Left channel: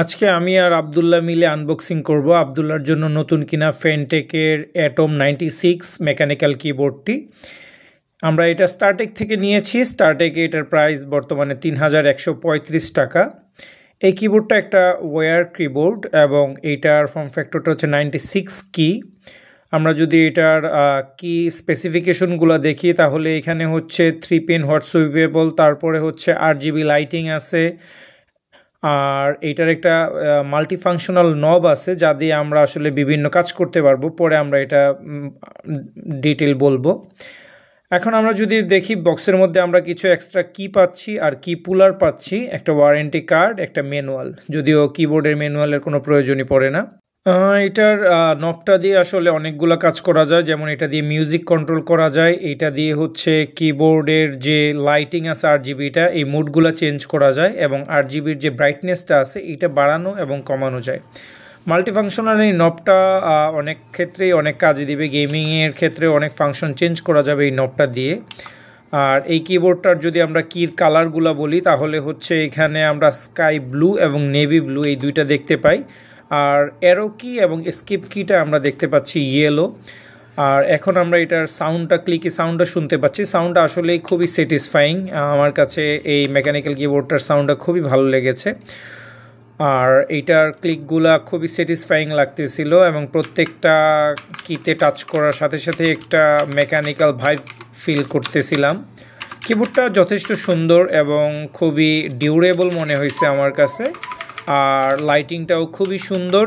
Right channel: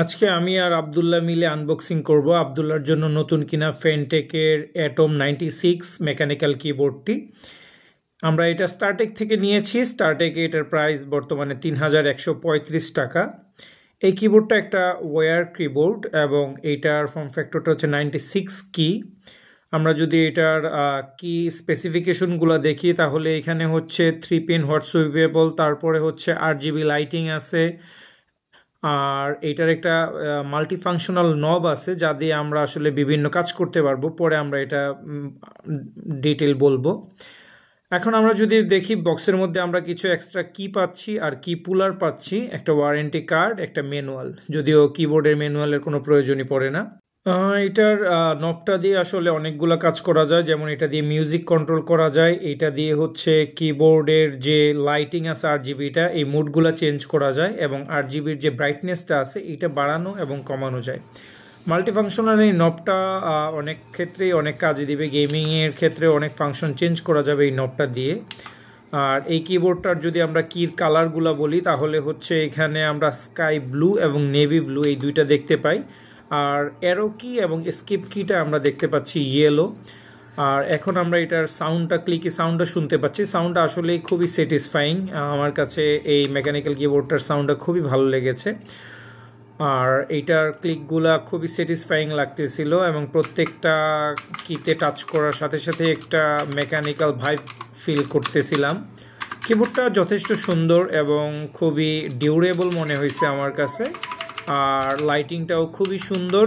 আজকে আমি আর আব্দুল্লাহ মিলে আনবক্সিং করব আব্দুল্লাহর জন্য নতুন কিনা ফেনটেকের অ্যাটম 96 মেকানিক্যাল কিবোর্ডটি। আমরা এটা স্টারটেক থেকে নিয়েছি। স্টারটেকে এটার প্রাইস বর্তমানে ৩,১৩৫ টাকা। এই কিবোর্ডটা একটা ওয়্যার কিবোর্ড এবং এইটার ফর্ম ফ্যাক্টরটা হচ্ছে 96 কি। আমরা যদি এটার কি স্পেসিফিকেশনগুলো দেখি তাহলে এখানে হচ্ছে 3 পিন হট সুইপেবল, তারপরে হচ্ছে 8 GB লাইটিং আছে, আর এটার একটা মাল্টিফাংশনাল নব আছে যা দিয়ে আমরা আসলে বিভিন্ন কাজ করতে পারবো। পরে আমরা এটা ডিটেল বলবো। এখন আমরা যদি দেখি বক্সের মধ্যে আমরা কিছু এক্সট্রা কি পাচ্ছি আর কি পুলার পাচ্ছি, একটা ওয়ারেন্টি কার্ড, একটা ম্যানুয়াল, যদিও কিবোর্ডের ম্যানুয়ালের কোনো প্রয়োজনই পড়ে না। এটার নবটা দিয়ে আসলে অনেকগুলো কাজ করা যায়, যেমন এটা দিয়ে মিউজিক কন্ট্রোল করা যায়, এটা দিয়ে হচ্ছে কিবোর্ডের যে লাইটিং আছে 8 GBটা এই মুডগুলো চেঞ্জ করা যায়, এবং 8 GBর যে ব্রাইটনেসটা আছে এটা বাড়ানো এবং কমানো যায়। মাল্টিফাংশনাল এই নবটা অনেক ক্ষেত্রেই অনেক কাজে দিবে। গেমিংয়ের ক্ষেত্রে অনেক ফাংশন চেঞ্জ করা যাবে এই নবটা দিয়ে। আর এই কিবোর্ডটার যদি আমরা কির কালারগুলো বলি তাহলে হচ্ছে এখানে আমরা স্কাই ব্লু এবং নেভি ব্লু এই দুইটা দেখতে পাই, আর অ্যারো কি এবং স্কিপ কিটা আমরা দেখতে পাচ্ছি ইয়েলো। আর এখন আমরা এটার সাউন্ডটা, ক্লিকি সাউন্ডটা শুনতে পাচ্ছি। সাউন্ডটা আসলেই খুবই স্যাটিসফাইং। আমার কাছে এই মেকানিক্যাল কিবোর্ডটার সাউন্ডটা খুবই ভালো লেগেছে, আর এইটার ক্লিকগুলা খুবই স্যাটিসফাইং লাগতেছিল, এবং প্রত্যেকটা কিতে টাচ করার সাথে সাথে একটা মেকানিক্যাল ভাইব ফিল করতেছিলাম। কিবোর্ডটা যথেষ্ট সুন্দর এবং খুবই ডিউরেবল মনে হয়েছে আমার কাছে, আর লাইটিংটাও খুবই সুন্দর।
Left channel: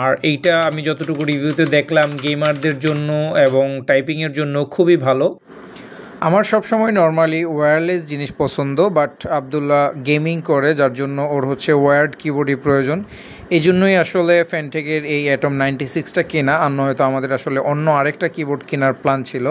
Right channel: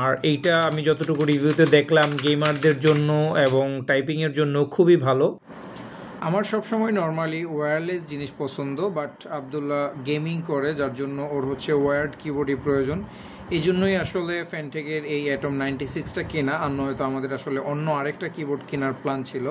আর এইটা আমি যতটুকু রিভিউতে দেখলাম গেমারদের জন্য এবং টাইপিংয়ের জন্য খুবই ভালো। আমার সবসময় নর্মালি ওয়্যারলেস জিনিস পছন্দ, বাট আব্দুল্লাহ গেমিং করে যার জন্য ওর হচ্ছে ওয়্যার্ড কিবোর্ডই প্রয়োজন। এই জন্যই আসলে ফেনটেকের এই অ্যাটম 96টা কেনা, আর নয়তো আমাদের আসলে অন্য আরেকটা কিবোর্ড কেনার প্ল্যান ছিল।